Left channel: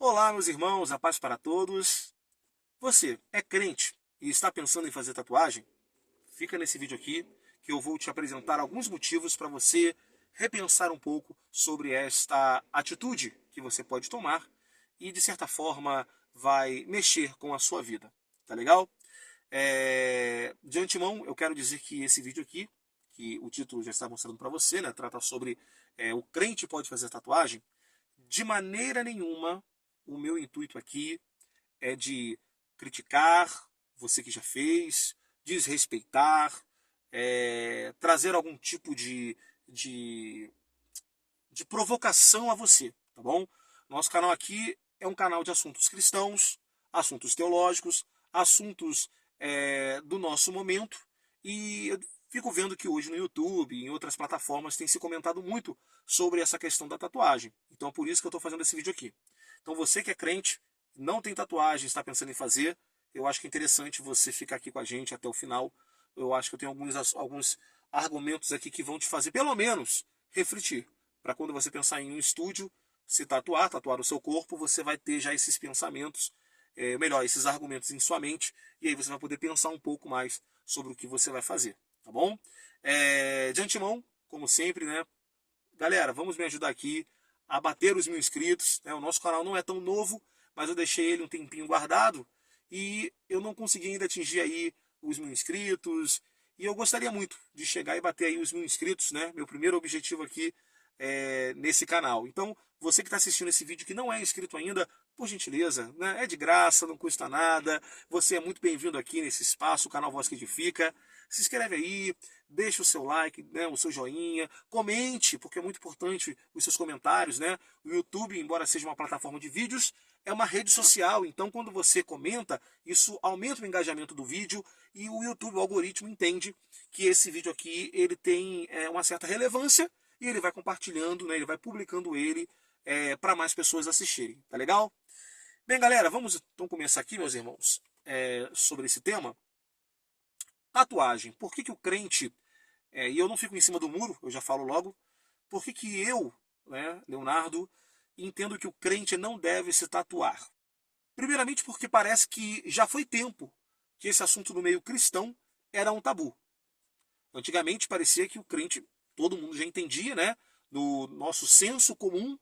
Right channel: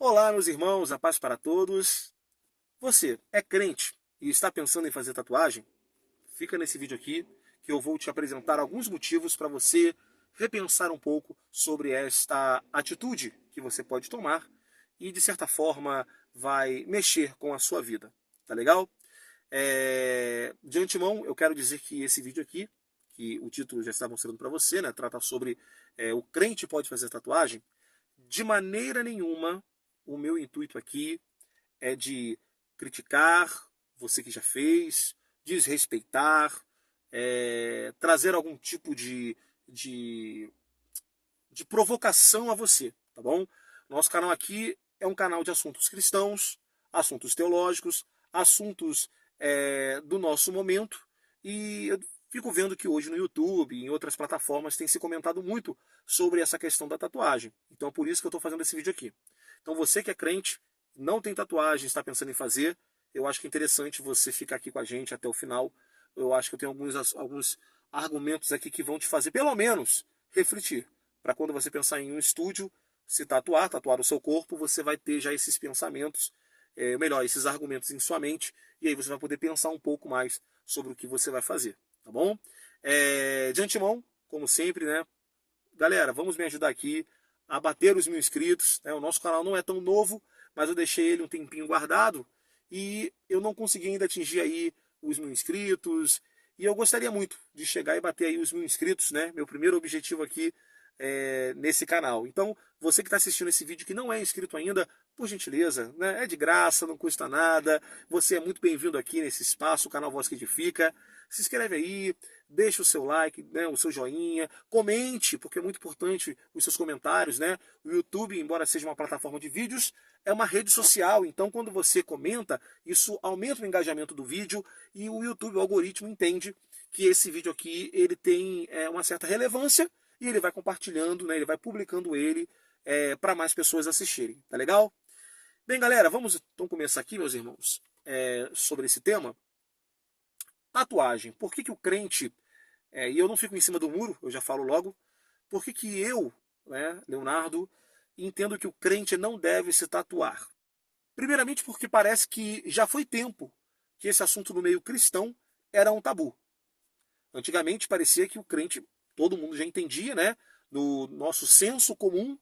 Olá, meus irmãos, a paz para todos. Você é crente e está pensando em fazer tatuagem? Fica nesse vídeo aqui que eu vou te apresentar alguns motivos para você repensar um pouco sobre esta atitude que você pode tomar e, de certa forma, vai mexer com a sua vida. Tá legal? De antemão, eu quero dizer que esse vídeo aqui, que o título já está mostrando para você, né, trata sobre o crente pode fazer tatuagem. De maneira nenhuma, o meu intuito aqui é de criticar você que já fez, desrespeitar, trazer algum tipo de, de provocação a você, tá bom? Nosso canal aqui é um canal de assuntos cristãos, assuntos teológicos, assuntos do nosso momento, e eu fico vendo que hoje no YouTube e em outras plataformas tem se comentado muito sobre essa questão da tatuagem. Então é por isso que eu estou fazendo esse vídeo aqui. Então você que é crente, não tem tatuagem, está pensando em fazer, eu acho que é interessante você ficar aqui com a gente até o final. Eu acho que eu tenho alguns argumentos aqui que vão te fazer, pelo menos, refletir. Para quando você pensar em um estúdio, se tatuar o seu corpo, você vai ter já esses pensamentos, melhor, esses argumentos em sua mente, e aí você vai poder pensar um pouco mais sobre o que você vai fazer, tá bom? De antemão, como sempre, né? Galera, vamos me ajudar aqui a bater os 1.000 inscritos. Né? O nosso canal não é tão novo, mas eu deixei ele um tempinho guardado e eu não consegui ainda atingir aí os 1.000 inscritos. E eu gostaria muito de chegar e bater aí os 1.000 inscritos, né? Meu primeiro objetivo aqui nesse canal. Então, você que está assistindo esse vídeo que não é inscrito ainda, por gentileza, né? É de graça, não custa nada. Você é muito bem-vindo aqui nesse espaço, o canal Voz que Edifica. Se inscreve aí, deixa o seu like, né, o seu joinha, comente, porque é muito importante os seus comentários, né? O YouTube, embora seja uma plataforma de vídeos, é uma rede social, então quando você comenta, isso aumenta o engajamento do vídeo e o YouTube, o algoritmo, entende que esse vídeo aqui ele tem uma certa relevância e ele vai compartilhando, né, ele vai publicando ele para mais pessoas assistirem, tá legal? Bem, galera, vamos então começar aqui, meus irmãos, sobre esse tema. Tatuagem. Por que o crente, e eu não fico em cima do muro, eu já falo logo, por que eu, né, Leonardo, entendo que o crente não deve se tatuar? Primeiramente porque parece que já foi tempo que esse assunto no meio cristão era um tabu. Antigamente parecia que o crente, todo mundo já entendia, né, no nosso senso comum,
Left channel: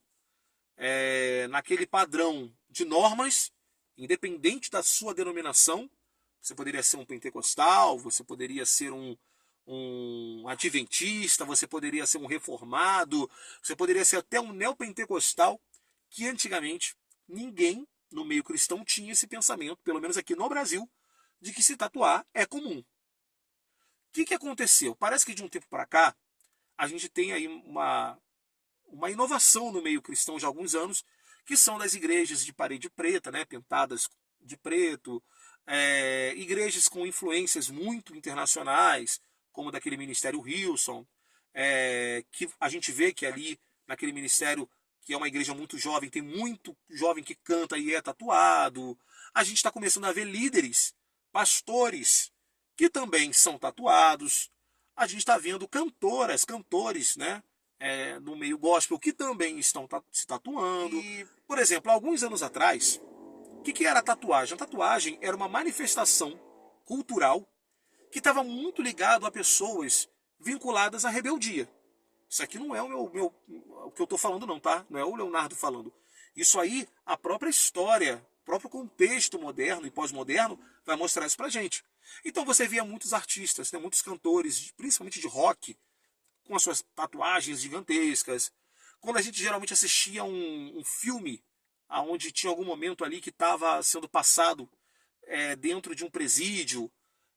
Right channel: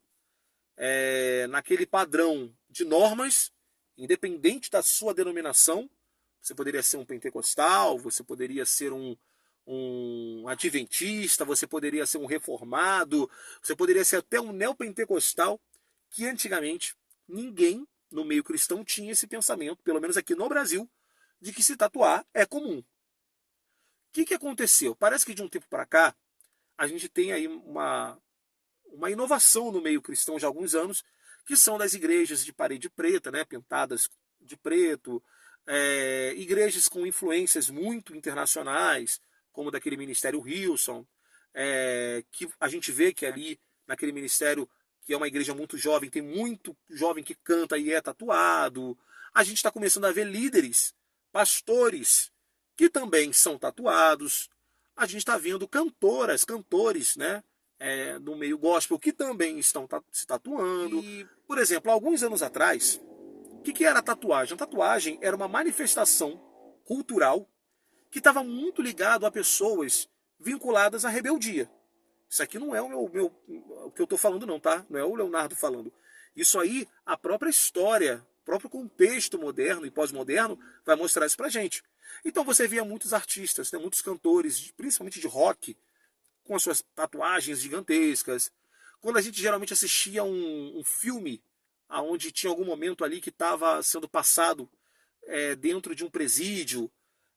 naquele padrão de normas, independente da sua denominação. Você poderia ser um pentecostal, você poderia ser um adventista, você poderia ser um reformado, você poderia ser até um neopentecostal, que antigamente ninguém no meio cristão tinha esse pensamento, pelo menos aqui no Brasil, de que se tatuar é comum. O que aconteceu? Parece que de um tempo para cá, a gente tem aí uma inovação no meio cristão de alguns anos, que são das igrejas de parede preta, né, pintadas de preto, igrejas com influências muito internacionais, como daquele ministério Hillsong, que a gente vê que ali, naquele ministério, que é uma igreja muito jovem, tem muito jovem que canta e é tatuado. A gente está começando a ver líderes, pastores, que também são tatuados. A gente está vendo cantoras, cantores, né, no meio gospel, que também estão se tatuando. E, por exemplo, alguns anos atrás, o que era a tatuagem? A tatuagem era uma manifestação cultural que estava muito ligado a pessoas vinculadas à rebeldia. Isso aqui não é o que eu estou falando não, tá? Não é o Leonardo falando. Isso aí, a própria história, o próprio contexto moderno e pós-moderno vai mostrar isso pra gente. Então você via muitos artistas, né, muitos cantores, principalmente de rock, com as suas tatuagens gigantescas. Quando a gente geralmente assistia um filme onde tinha algum momento ali que estava sendo passado dentro de um presídio,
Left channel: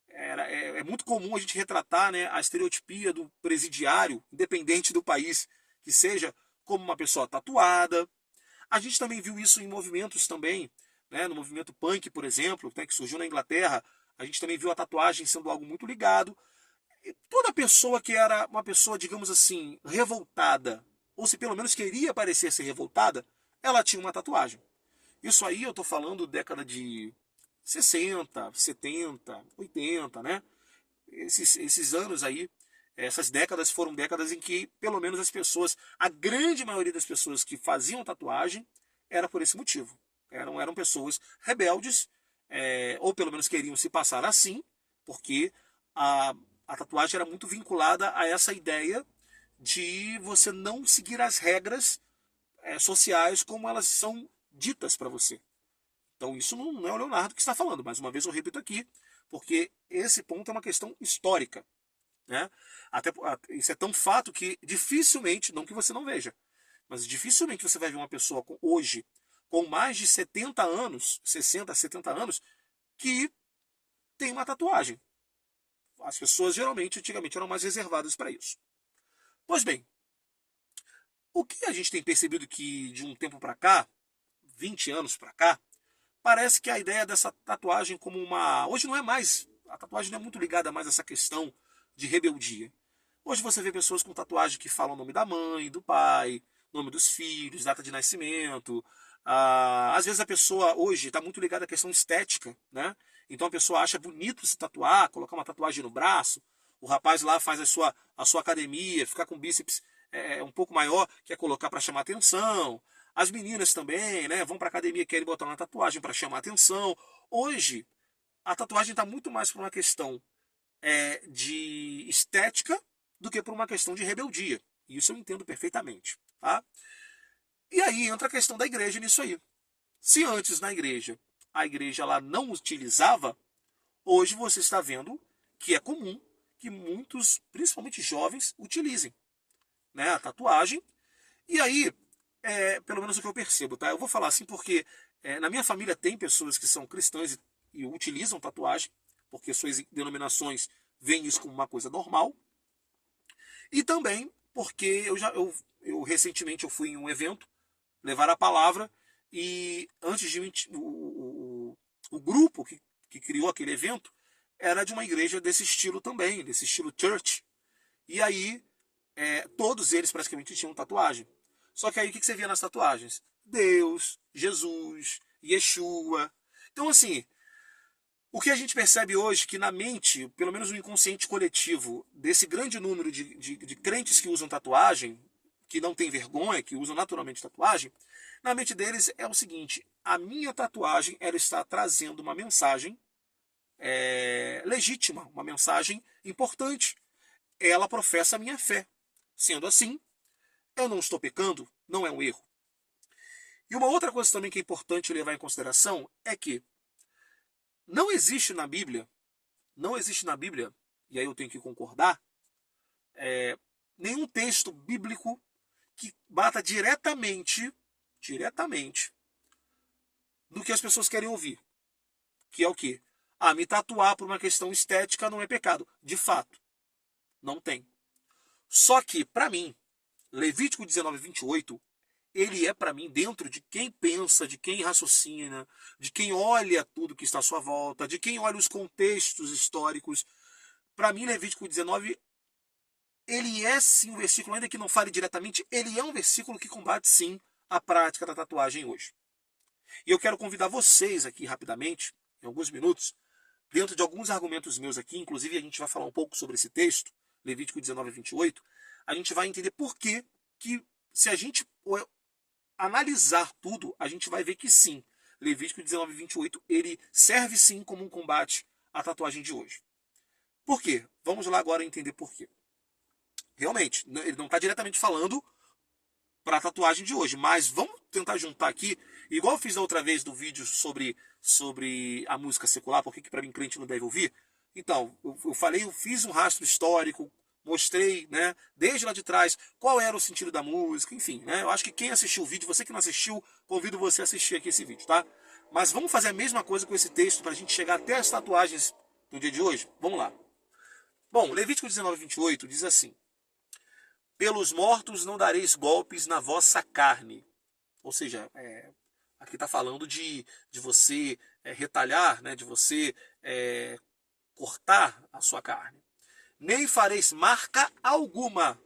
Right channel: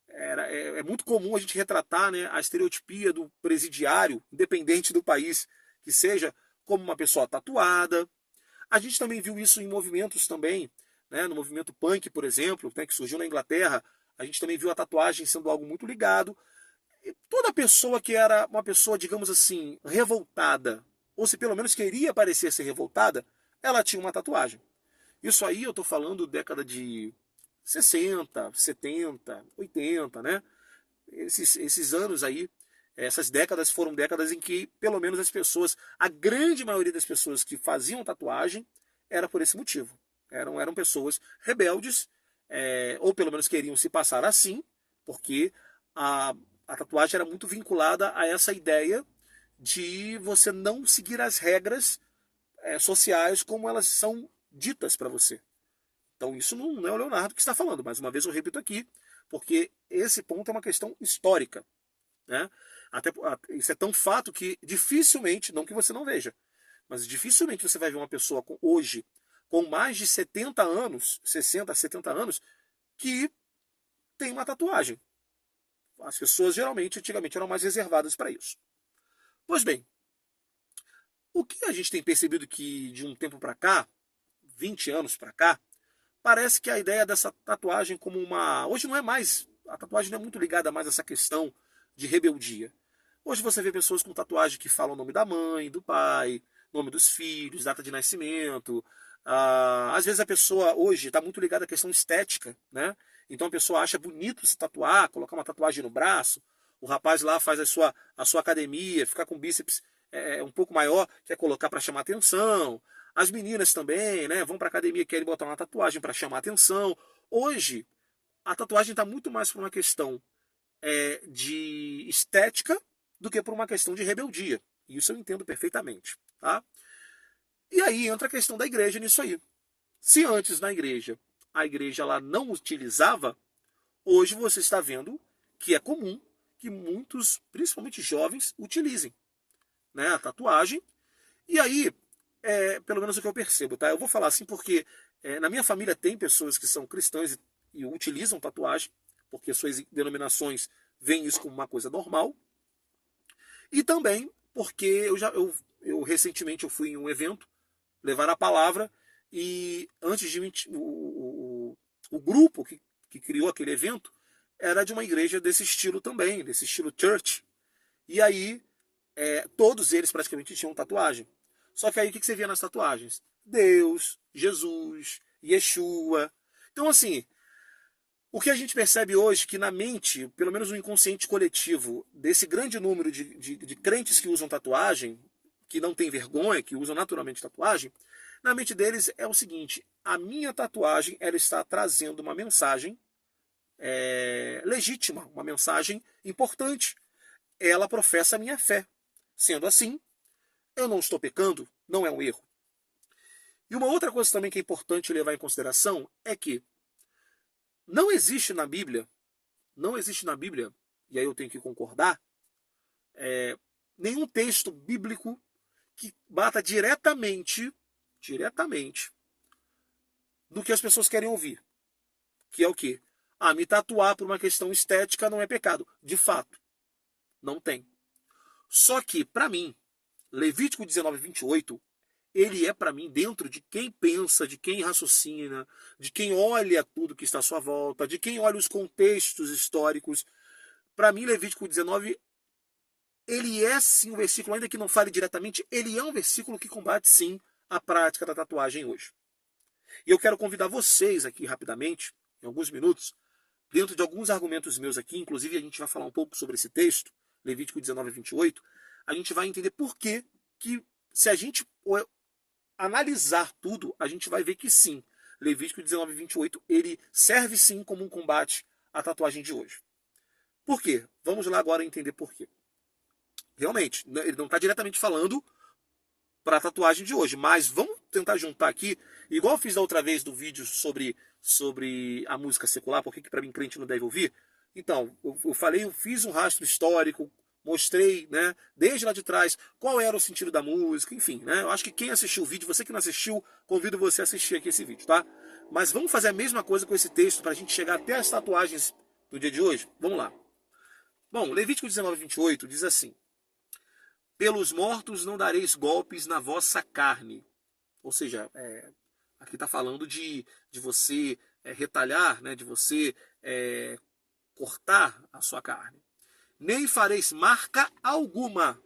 é muito comum a gente retratar, né, a estereotipia do presidiário, independente do país que seja, como uma pessoa tatuada. A gente também viu isso em movimentos também, né, no movimento punk, por exemplo, né, que surgiu na Inglaterra. A gente também viu a tatuagem sendo algo muito ligado. E toda pessoa que era uma pessoa, digamos assim, revoltada, ou se pelo menos queria parecer ser revoltada, ela tinha uma tatuagem. Isso aí eu estou falando década de 60, 70, 80, né? Esses anos aí, essas décadas foram décadas em que, pelo menos as pessoas, a grande maioria das pessoas que faziam tatuagem, era por esse motivo. Eram pessoas rebeldes, ou pelo menos queriam se passar assim, porque a tatuagem era muito vinculada a essa ideia de você não seguir as regras sociais como elas são ditas para você. Então isso não é o Leonardo que está falando, mais uma vez eu repito aqui, porque esse ponto é uma questão histórica. Né? Isso é tão fato que dificilmente, não que você não veja, mas dificilmente você vai ver uma pessoa hoje com mais de 70 anos, 60, 70 anos, que tem uma tatuagem. As pessoas geralmente, antigamente, eram mais reservadas para isso. Pois bem, o que a gente tem percebido que de um tempo para cá, 20 anos para cá, parece que a ideia dessa tatuagem como uma... Hoje não é mais... A tatuagem não é muito ligada mais a essa questão de rebeldia. Hoje você vê pessoas com tatuagem que falam o nome da mãe, do pai, nome dos filhos, data de nascimento. Às vezes a pessoa hoje está muito ligada à questão estética, né? Então a pessoa acha bonito se tatuar, colocar uma tatuagem no braço. O rapaz lá faz a sua academia, ficar com bíceps um pouco maior, quer colocar para chamar atenção. As meninas também, né? Vão para academia, querem botar uma tatuagem para chamar atenção. Hoje a tatuagem está muito mais por uma questão de estética do que por uma questão de rebeldia. E isso eu entendo perfeitamente. Tá? E aí entra a questão da igreja nisso aí. Se antes na igreja a igreja lá não utilizava, hoje você está vendo que é comum que muitos, principalmente jovens, utilizem, né, a tatuagem. E aí, pelo menos o que eu percebo, tá? Eu vou falar assim porque na minha família tem pessoas que são cristãs e utilizam tatuagem, porque suas denominações veem isso como uma coisa normal. E também porque eu recentemente eu fui em um evento levar a palavra e antes de o grupo que criou aquele evento era de uma igreja desse estilo também, desse estilo church. E aí todos eles praticamente tinham tatuagem. Só que aí o que você via nas tatuagens? Deus, Jesus, Yeshua. Então assim, o que a gente percebe hoje que na mente, pelo menos no inconsciente coletivo, desse grande número de crentes que usam tatuagem, que não tem vergonha, que usam naturalmente tatuagem, na mente deles é o seguinte: a minha tatuagem ela está trazendo uma mensagem legítima, uma mensagem importante. Ela professa a minha fé. Sendo assim, eu não estou pecando, não é um erro. E uma outra coisa também que é importante levar em consideração é que não existe na Bíblia, e aí eu tenho que concordar, nenhum texto bíblico que bata diretamente do que as pessoas querem ouvir. Que é o quê? Me tatuar por uma questão estética não é pecado. De fato, não tem. Só que, para mim, Levítico 19, 28, ele é para mim dentro de quem pensa, de quem raciocina, de quem olha tudo que está à sua volta, de quem olha os contextos históricos. Para mim, Levítico 19, ele é sim um versículo, ainda que não fale diretamente, ele é um versículo que combate sim a prática da tatuagem hoje. E eu quero convidar vocês aqui rapidamente, em alguns minutos, dentro de alguns argumentos meus aqui, inclusive a gente vai falar um pouco sobre esse texto, Levítico 19, 28, a gente vai entender por que se a gente analisar tudo, a gente vai ver que sim, Levítico 19, 28, ele serve sim como um combate à tatuagem de hoje. Por quê? Vamos lá agora entender por quê. Realmente, ele não está diretamente falando para a tatuagem de hoje, mas vamos tentar juntar aqui, igual eu fiz da outra vez do vídeo sobre a música secular, por que para mim crente não deve ouvir. Então, eu fiz um rastro histórico, mostrei, né, desde lá de trás, qual era o sentido da música, enfim, né, eu acho que quem assistiu o vídeo, você que não assistiu, convido você a assistir aqui esse vídeo, tá? Mas vamos fazer a mesma coisa com esse texto para a gente chegar até as tatuagens do dia de hoje? Vamos lá. Bom, Levítico 19, 28 diz assim: pelos mortos não dareis golpes na vossa carne. Ou seja, aqui está falando de você retalhar, né, de você cortar a sua carne. Nem fareis marca alguma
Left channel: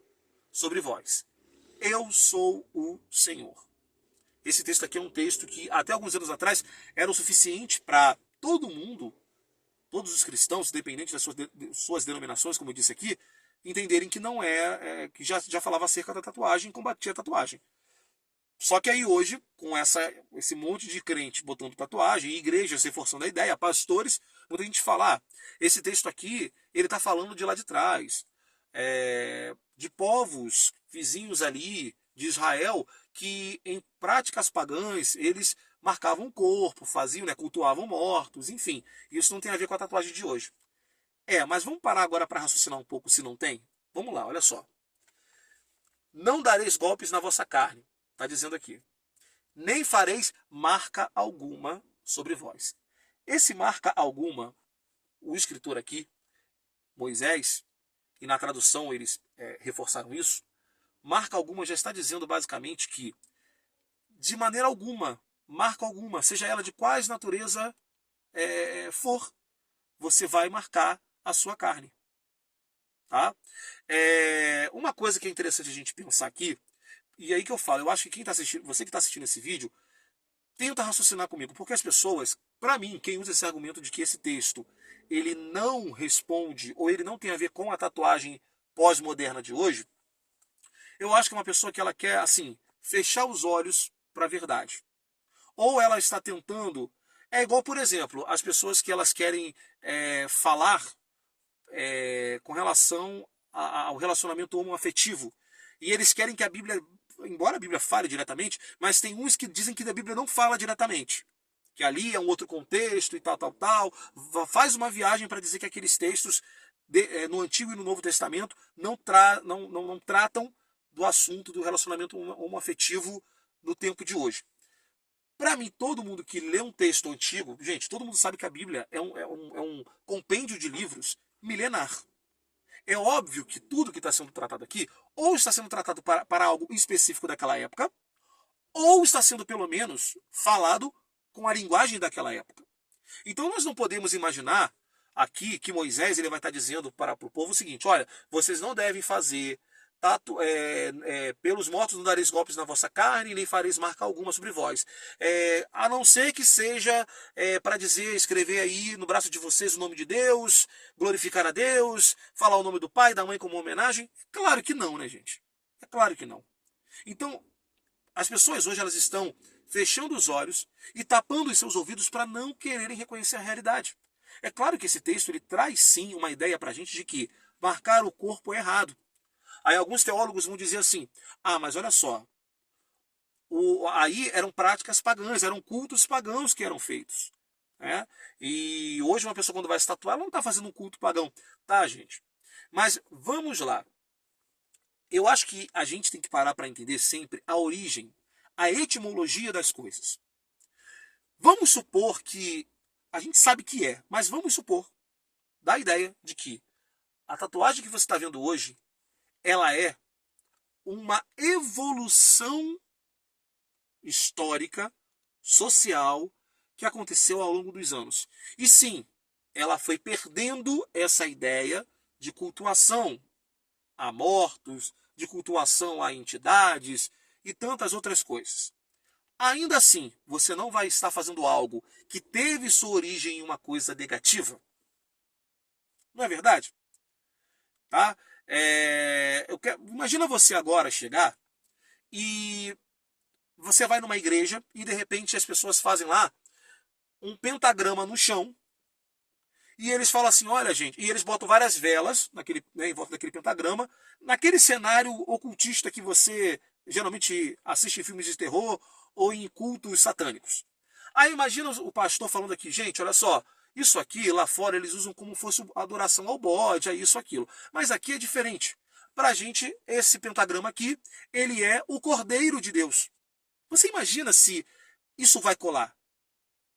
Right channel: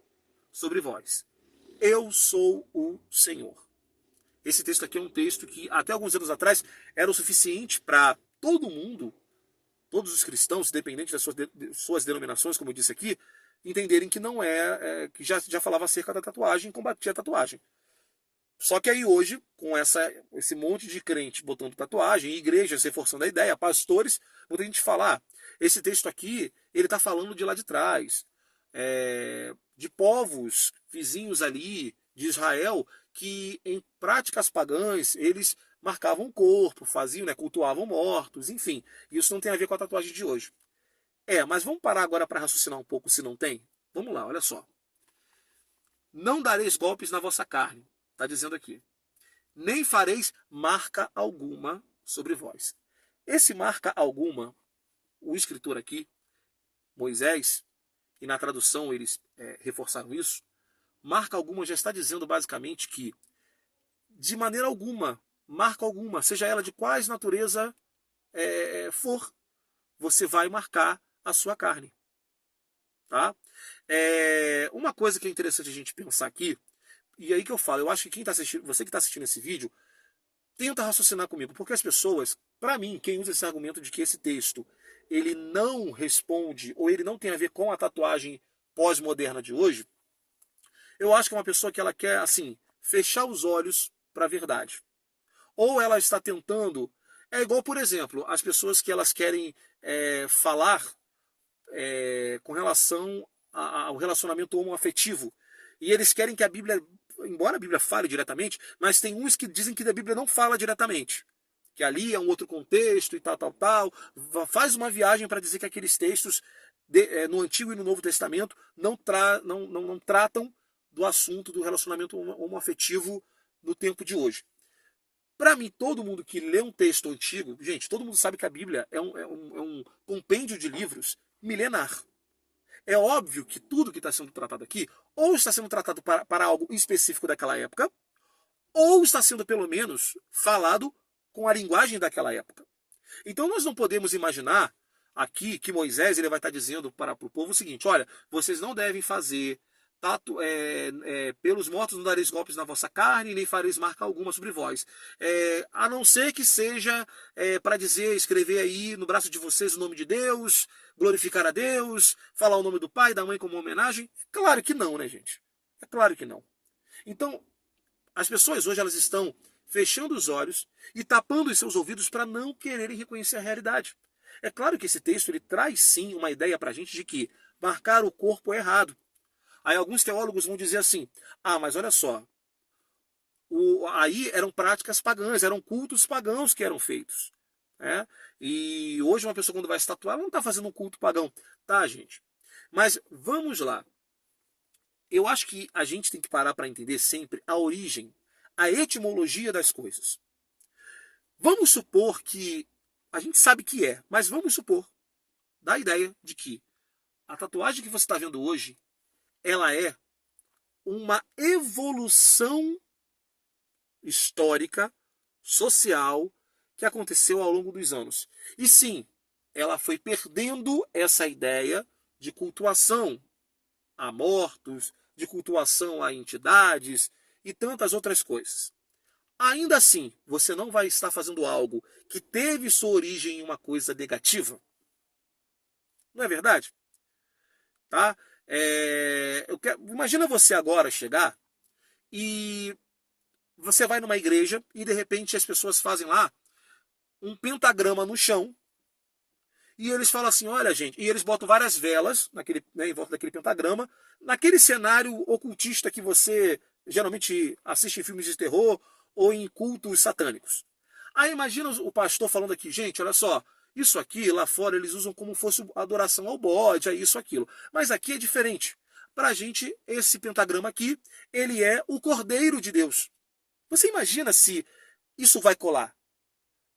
sobre vós. Eu sou o Senhor. Esse texto aqui é um texto que até alguns anos atrás era o suficiente para todo mundo, todos os cristãos, independente das suas denominações, como eu disse aqui, entenderem que não que já falava acerca da tatuagem e combatia a tatuagem. Só que aí hoje, com esse monte de crente botando tatuagem, igrejas reforçando a ideia, pastores, muita gente fala, esse texto aqui, ele está falando de lá de trás, de povos vizinhos ali, de Israel, que em práticas pagãs, eles marcavam o corpo, faziam, né, cultuavam mortos, enfim. Isso não tem a ver com a tatuagem de hoje. Mas vamos parar agora para raciocinar um pouco se não tem? Vamos lá, olha só. Não dareis golpes na vossa carne, está dizendo aqui. Nem fareis marca alguma sobre vós. Esse marca alguma, o escritor aqui, Moisés, e na tradução eles reforçaram isso, marca alguma já está dizendo basicamente que, de maneira alguma, marca alguma, seja ela de quais natureza for, você vai marcar a sua carne. Tá? Uma coisa que é interessante a gente pensar aqui, e aí que eu falo, eu acho que quem tá assistindo, você que está assistindo esse vídeo, tenta raciocinar comigo, porque as pessoas, para mim, quem usa esse argumento de que esse texto ele não responde, ou ele não tem a ver com a tatuagem pós-moderna de hoje, eu acho que é uma pessoa que ela quer, assim, fechar os olhos para a verdade. Ou ela está tentando, igual, por exemplo, as pessoas que elas querem falar com relação ao relacionamento homoafetivo. E eles querem que a Bíblia, embora a Bíblia fale diretamente, mas tem uns que dizem que a Bíblia não fala diretamente. Que ali é um outro contexto e tal. Faz uma viagem para dizer que aqueles textos no Antigo e no Novo Testamento não tratam do assunto do relacionamento homoafetivo no tempo de hoje. Para mim, todo mundo que lê um texto antigo, gente, todo mundo sabe que a Bíblia é um compêndio de livros milenar. É óbvio que tudo que está sendo tratado aqui, ou está sendo tratado para algo específico daquela época, ou está sendo, pelo menos, falado com a linguagem daquela época. Então nós não podemos imaginar aqui que Moisés ele vai estar dizendo para o povo o seguinte, olha, vocês não devem fazer pelos mortos não dareis golpes na vossa carne, nem fareis marca alguma sobre vós. A não ser que seja para dizer, escrever aí no braço de vocês o nome de Deus, glorificar a Deus, falar o nome do pai, da mãe como homenagem. Claro que não, né, gente? É claro que não. Então, as pessoas hoje elas estão fechando os olhos e tapando os seus ouvidos para não quererem reconhecer a realidade. É claro que esse texto ele traz sim uma ideia para a gente de que marcar o corpo é errado. Aí alguns teólogos vão dizer assim, mas olha só, aí eram práticas pagãs, eram cultos pagãos que eram feitos. Né? E hoje uma pessoa quando vai se tatuar, ela não está fazendo um culto pagão. Tá, gente? Mas vamos lá. Eu acho que a gente tem que parar para entender sempre a origem, a etimologia das coisas. Vamos supor que, a gente sabe que mas vamos supor, dá a ideia de que a tatuagem que você está vendo hoje, ela é uma evolução histórica, social, que aconteceu ao longo dos anos. E sim, ela foi perdendo essa ideia de cultuação a mortos, de cultuação a entidades e tantas outras coisas. Ainda assim, você não vai estar fazendo algo que teve sua origem em uma coisa negativa? Não é verdade? Tá? Imagina você agora chegar e você vai numa igreja e de repente as pessoas fazem lá um pentagrama no chão e eles falam assim, olha gente, e eles botam várias velas em volta daquele pentagrama, naquele cenário ocultista que você geralmente assiste em filmes de terror ou em cultos satânicos. Aí imagina o pastor falando aqui, gente, olha só, isso aqui lá fora eles usam como fosse adoração ao bode, é isso, aquilo. Mas aqui é diferente. Para a gente, esse pentagrama aqui, ele é o Cordeiro de Deus. Você imagina se isso vai colar?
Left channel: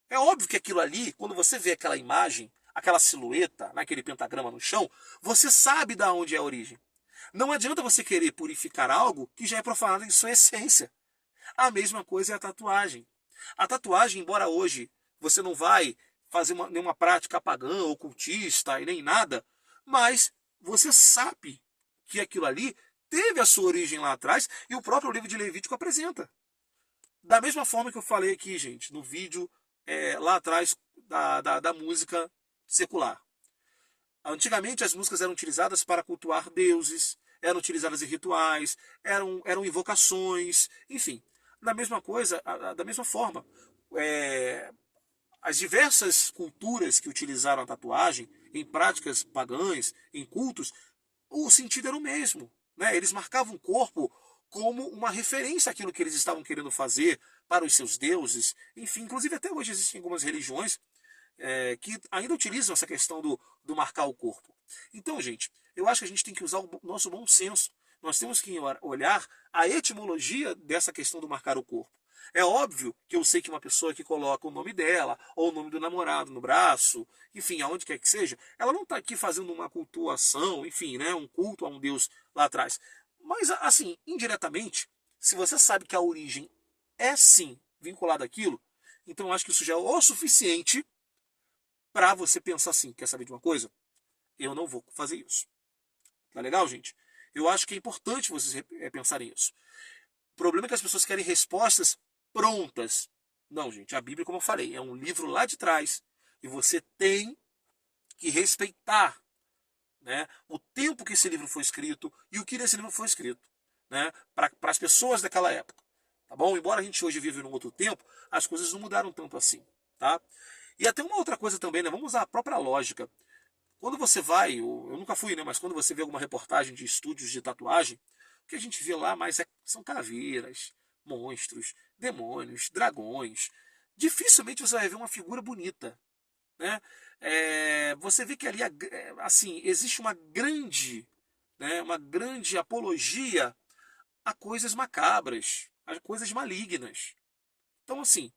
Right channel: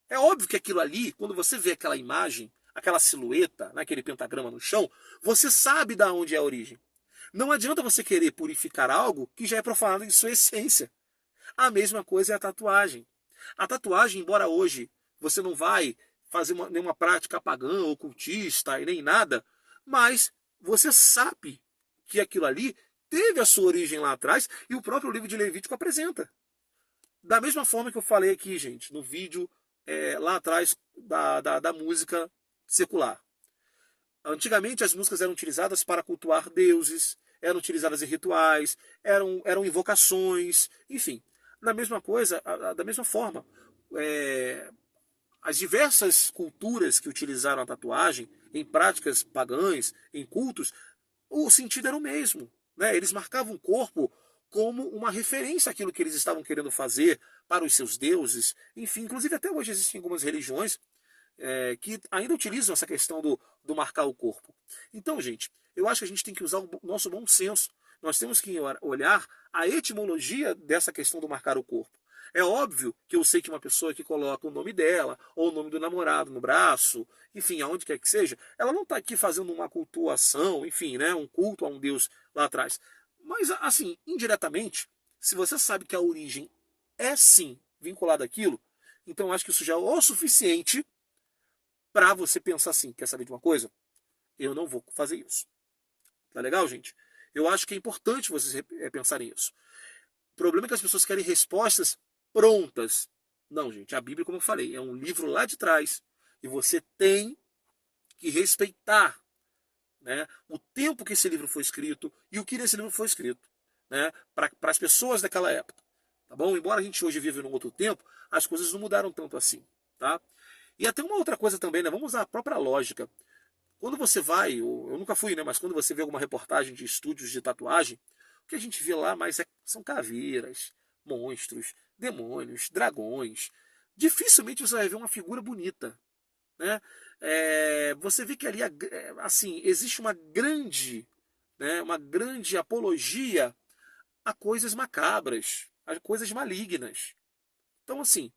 É óbvio que aquilo ali, quando você vê aquela imagem, aquela silhueta, naquele pentagrama no chão, você sabe de onde é a origem. Não adianta você querer purificar algo que já é profanado em sua essência. A mesma coisa é a tatuagem. A tatuagem, embora hoje você não vai fazer nenhuma prática pagã, ocultista e nem nada, mas você sabe que aquilo ali teve a sua origem lá atrás e o próprio livro de Levítico apresenta. Da mesma forma que eu falei aqui, gente, no vídeo lá atrás da música secular. Antigamente as músicas eram utilizadas para cultuar deuses, eram utilizadas em rituais, eram invocações, enfim. Da mesma coisa, da mesma forma. As diversas culturas que utilizaram a tatuagem em práticas pagãs, em cultos, o sentido era o mesmo. Né? Eles marcavam o corpo como uma referência àquilo que eles estavam querendo fazer para os seus deuses. Enfim, inclusive até hoje existem algumas religiões que ainda utilizam essa questão do marcar o corpo. Então, gente, eu acho que a gente tem que usar o nosso bom senso. Nós temos que olhar a etimologia dessa questão do marcar o corpo. É óbvio que eu sei que uma pessoa que coloca o nome dela, ou o nome do namorado no braço, enfim, aonde quer que seja, ela não está aqui fazendo uma cultuação, enfim, né, um culto a um Deus lá atrás. Mas, assim, indiretamente, se você sabe que a origem é sim vinculada àquilo, então eu acho que isso já é o suficiente para você pensar assim, quer saber de uma coisa? Eu não vou fazer isso. Tá legal, gente? Eu acho que é importante vocês pensarem isso. O problema é que as pessoas querem respostas prontas. Não, gente, a Bíblia, como eu falei, é um livro lá de trás e você tem que respeitar, né, o tempo que esse livro foi escrito e o que nesse livro foi escrito, né, para as pessoas daquela época. Tá bom? Embora a gente hoje vive num outro tempo, as coisas não mudaram tanto assim. Tá? E até uma outra coisa também, né? Vamos usar a própria lógica. Quando você vai, eu nunca fui, né? Mas quando você vê alguma reportagem de estúdios de tatuagem, o que a gente vê lá mais são caveiras, monstros, demônios, dragões. Dificilmente você vai ver uma figura bonita, né? Você vê que ali, assim, existe né, uma grande apologia a coisas macabras, a coisas malignas. Então, assim,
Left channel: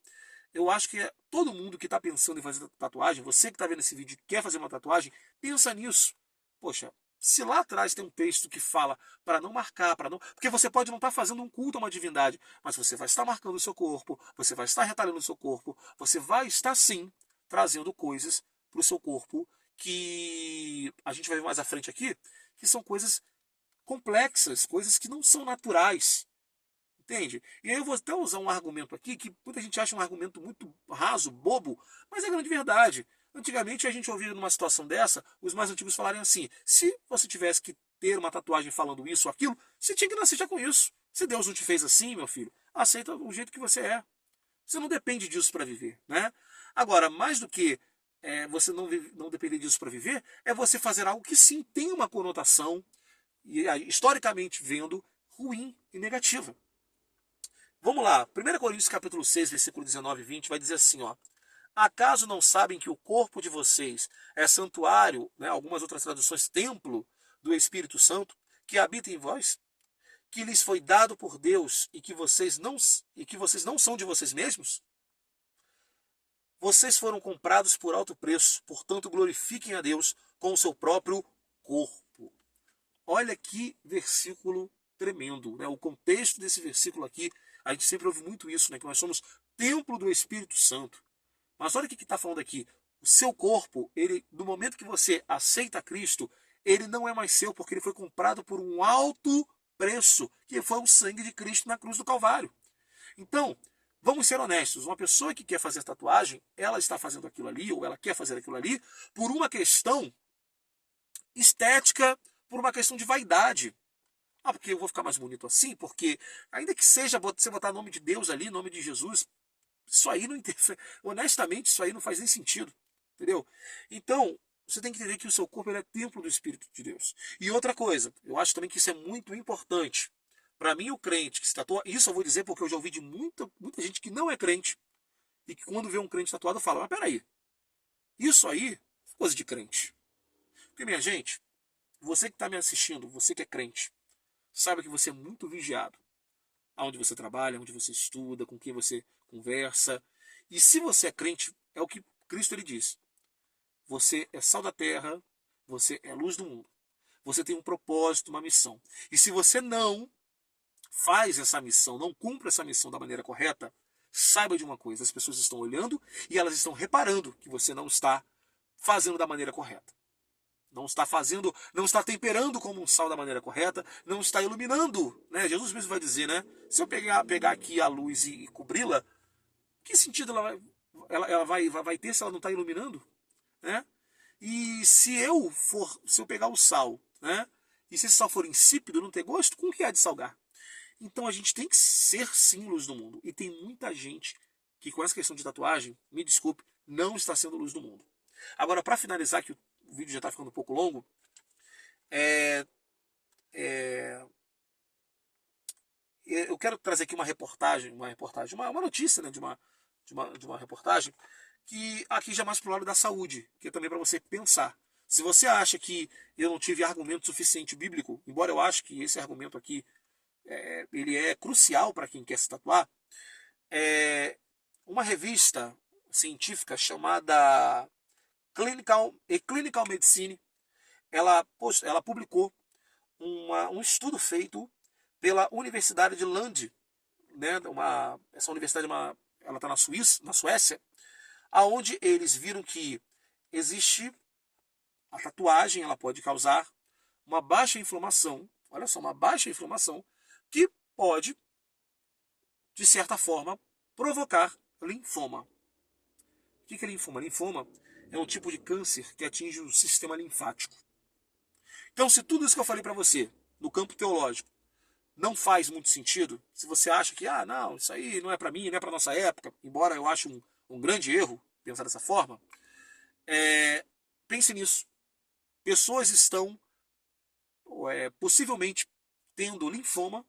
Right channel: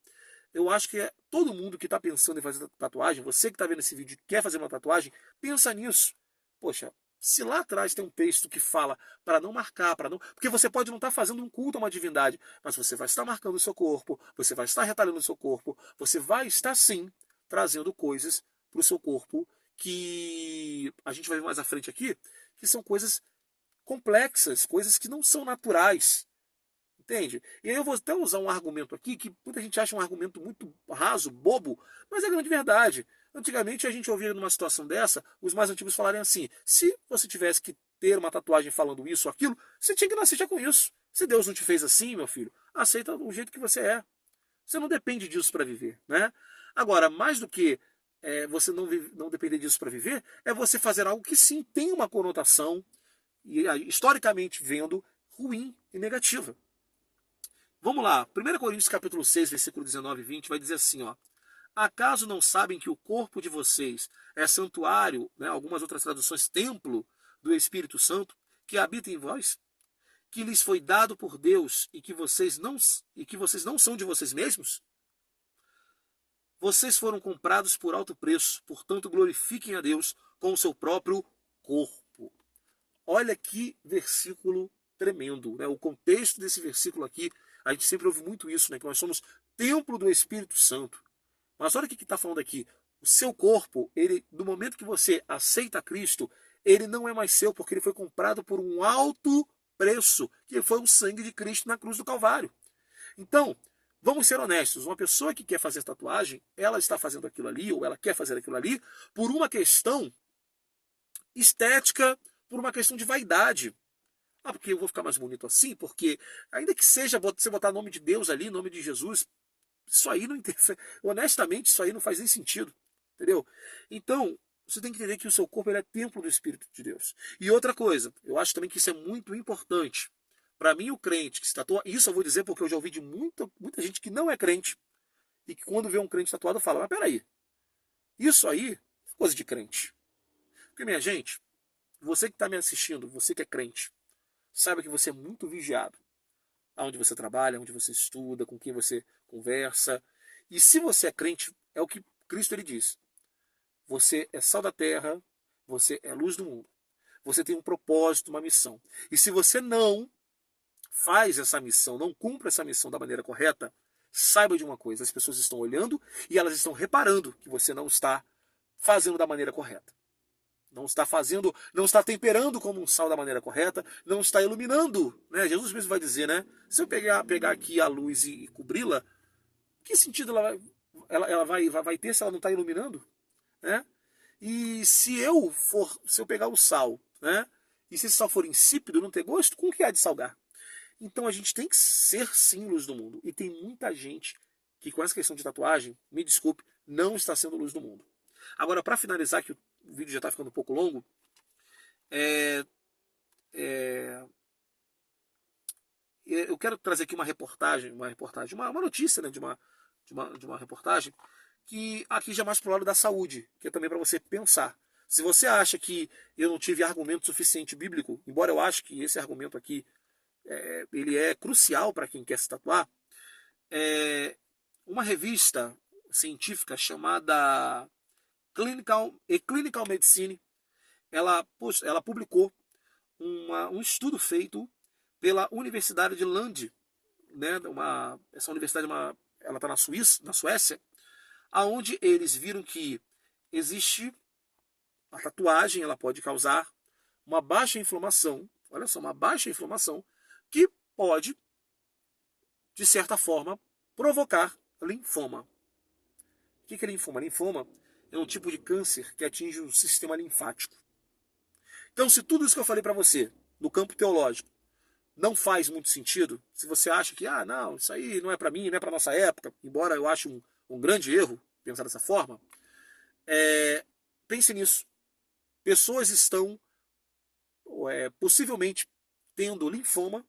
eu acho que todo mundo que está pensando em fazer tatuagem, você que está vendo esse vídeo e quer fazer uma tatuagem, pensa nisso. Poxa, se lá atrás tem um texto que fala para não marcar, para não. Porque você pode não estar fazendo um culto a uma divindade, mas você vai estar marcando o seu corpo, você vai estar retalhando o seu corpo, você vai estar sim trazendo coisas para o seu corpo que a gente vai ver mais à frente aqui, que são coisas complexas, coisas que não são naturais. Entende? E aí eu vou até usar um argumento aqui que muita gente acha um argumento muito raso, bobo, mas é grande verdade. Antigamente a gente ouvia numa situação dessa, os mais antigos falarem assim: se você tivesse que ter uma tatuagem falando isso ou aquilo, você tinha que nascer já com isso. Se Deus não te fez assim, meu filho, aceita o jeito que você é. Você não depende disso para viver, né? Agora, mais do que você não depender disso para viver, é você fazer algo que sim tem uma conotação, historicamente vendo, ruim e negativa. Vamos lá, 1 Coríntios capítulo 6, versículo 19 e 20, vai dizer assim, ó: acaso não sabem que o corpo de vocês é santuário, né, algumas outras traduções, templo do Espírito Santo, que habita em vós, que lhes foi dado por Deus e que vocês não são de vocês mesmos? Vocês foram comprados por alto preço, portanto glorifiquem a Deus com o seu próprio corpo. Olha que versículo tremendo, né? O contexto desse versículo aqui, a gente sempre ouve muito isso, né? Que nós somos templo do Espírito Santo. Mas olha o que está falando aqui. O seu corpo, ele, no momento que você aceita Cristo, ele não é mais seu, porque ele foi comprado por um alto preço, que foi o sangue de Cristo na cruz do Calvário. Então, vamos ser honestos, uma pessoa que quer fazer tatuagem, ela está fazendo aquilo ali, ou ela quer fazer aquilo ali, por uma questão estética, por uma questão de vaidade. Ah, porque eu vou ficar mais bonito assim? Porque, ainda que seja você botar nome de Deus ali, nome de Jesus, isso aí não interfere. Honestamente, isso aí não faz nem sentido. Entendeu? Então, você tem que entender que o seu corpo ele é templo do Espírito de Deus. E outra coisa, eu acho também que isso é muito importante. Para mim, o crente que se tatua, isso eu vou dizer porque eu já ouvi de muita gente que não é crente, e que quando vê um crente tatuado fala: mas peraí, isso aí é coisa de crente. Porque, minha gente, você que está me assistindo, você que é crente, saiba que você é muito vigiado. Aonde você trabalha, onde você estuda, com quem você conversa. E se você é crente, é o que Cristo ele diz. Você é sal da terra, você é luz do mundo. Você tem um propósito, uma missão. E se você não faz essa missão, não cumpre essa missão da maneira correta, saiba de uma coisa: as pessoas estão olhando e elas estão reparando que você não está fazendo da maneira correta. Não está fazendo, não está temperando como um sal da maneira correta, não está iluminando, né? Jesus mesmo vai dizer, né? Se eu pegar aqui a luz e cobri-la, que sentido ela vai ter se ela não está iluminando, né? E se eu pegar o sal, né? E se esse sal for insípido, não ter gosto, com o que há de salgar? Então a gente tem que ser sim luz do mundo. E tem muita gente que com essa questão de tatuagem, me desculpe, não está sendo luz do mundo. Agora, para finalizar, que o vídeo já está ficando um pouco longo, eu quero trazer aqui uma notícia, né, de uma reportagem, que aqui já mais para o lado da saúde, que é também para você pensar. Se você acha que eu não tive argumento suficiente bíblico, embora eu ache que esse argumento aqui ele é crucial para quem quer se tatuar, uma revista científica chamada Clinical Medicine, ela publicou um estudo feito pela Universidade de Lund, né, essa universidade ela está na Suécia, aonde eles viram que existe a tatuagem, ela pode causar uma baixa inflamação, olha só, uma baixa inflamação que pode, de certa forma, provocar linfoma. O que é linfoma? Linfoma é um tipo de câncer que atinge o sistema linfático. Então, se tudo isso que eu falei para você, no campo teológico, não faz muito sentido, se você acha que, não, isso aí não é para mim, não é para nossa época, embora eu ache um grande erro pensar dessa forma, pense nisso. Pessoas estão possivelmente tendo linfoma,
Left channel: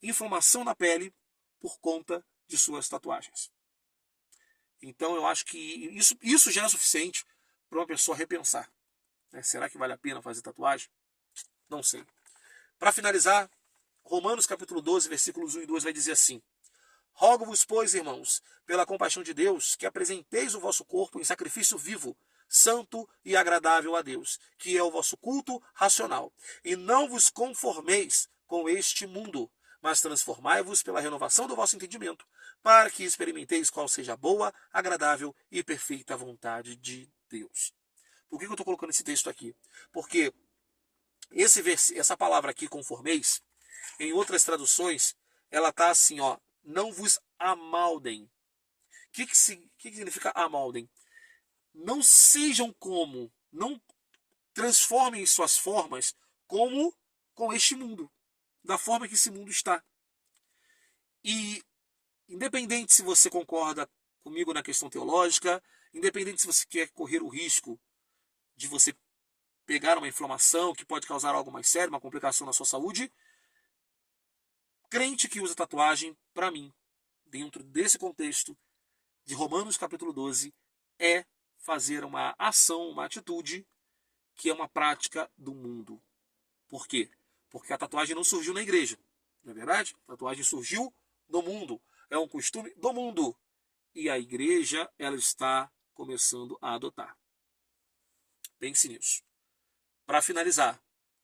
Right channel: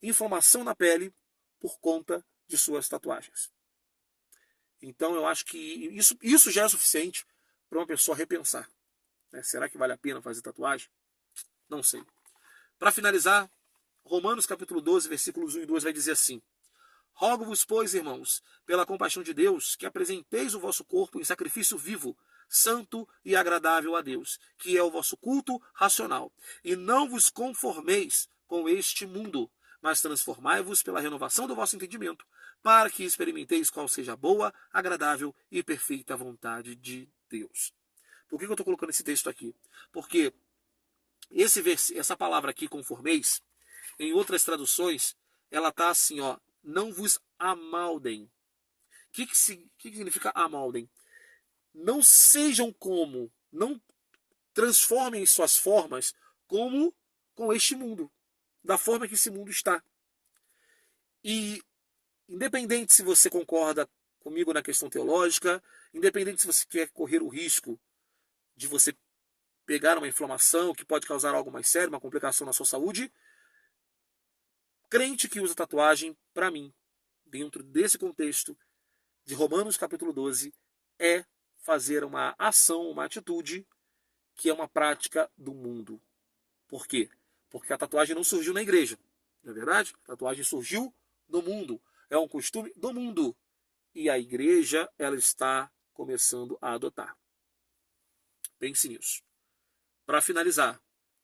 inflamação na pele, por conta de suas tatuagens. Então eu acho que isso já é suficiente para uma pessoa repensar. Será que vale a pena fazer tatuagem? Não sei. Para finalizar, Romanos capítulo 12, versículos 1 e 2 vai dizer assim: Rogo-vos, pois, irmãos, pela compaixão de Deus, que apresenteis o vosso corpo em sacrifício vivo, santo e agradável a Deus, que é o vosso culto racional. E não vos conformeis com este mundo, mas transformai-vos pela renovação do vosso entendimento, para que experimenteis qual seja a boa, agradável e perfeita vontade de Deus. Por que eu estou colocando esse texto aqui? Porque essa palavra aqui, conformeis, em outras traduções, ela está assim, não vos amaldem. O que significa amaldem? Não sejam como, não transformem suas formas como com este mundo, da forma que esse mundo está. E independente se você concorda comigo na questão teológica, independente se você quer correr o risco de você pegar uma inflamação que pode causar algo mais sério, uma complicação na sua saúde, crente que usa tatuagem, para mim, dentro desse contexto de Romanos capítulo 12, é fazer uma ação, uma atitude que é uma prática do mundo. Por quê? Porque a tatuagem não surgiu na igreja, não é verdade? A tatuagem surgiu no mundo, é um costume do mundo. E a igreja, ela está começando a adotar. Pense nisso. Para finalizar,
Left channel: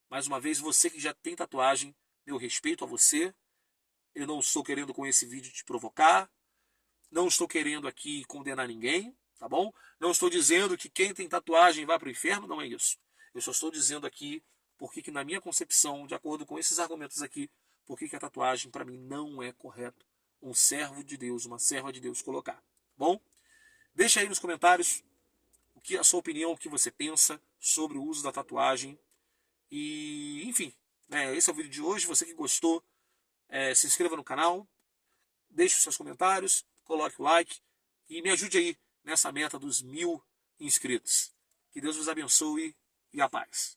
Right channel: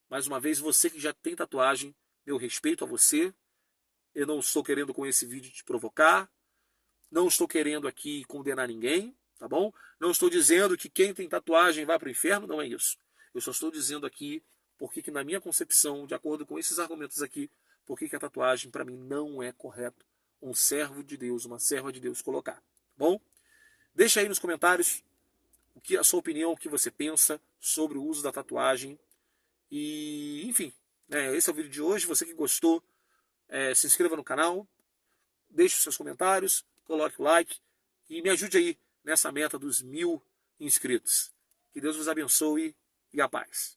mais uma vez, você que já tem tatuagem, meu respeito a você. Eu não estou querendo com esse vídeo te provocar, não estou querendo aqui condenar ninguém, tá bom? Não estou dizendo que quem tem tatuagem vai para o inferno, não é isso. Eu só estou dizendo aqui porque que na minha concepção, de acordo com esses argumentos aqui, porque que a tatuagem para mim não é correto um servo de Deus, uma serva de Deus colocar, tá bom? Deixa aí nos comentários a sua opinião, o que você pensa sobre o uso da tatuagem. E, enfim, esse é o vídeo de hoje. Você que gostou, se inscreva no canal, deixe os seus comentários, coloque o like e me ajude aí nessa meta dos 1000 inscritos. Que Deus vos abençoe e a paz.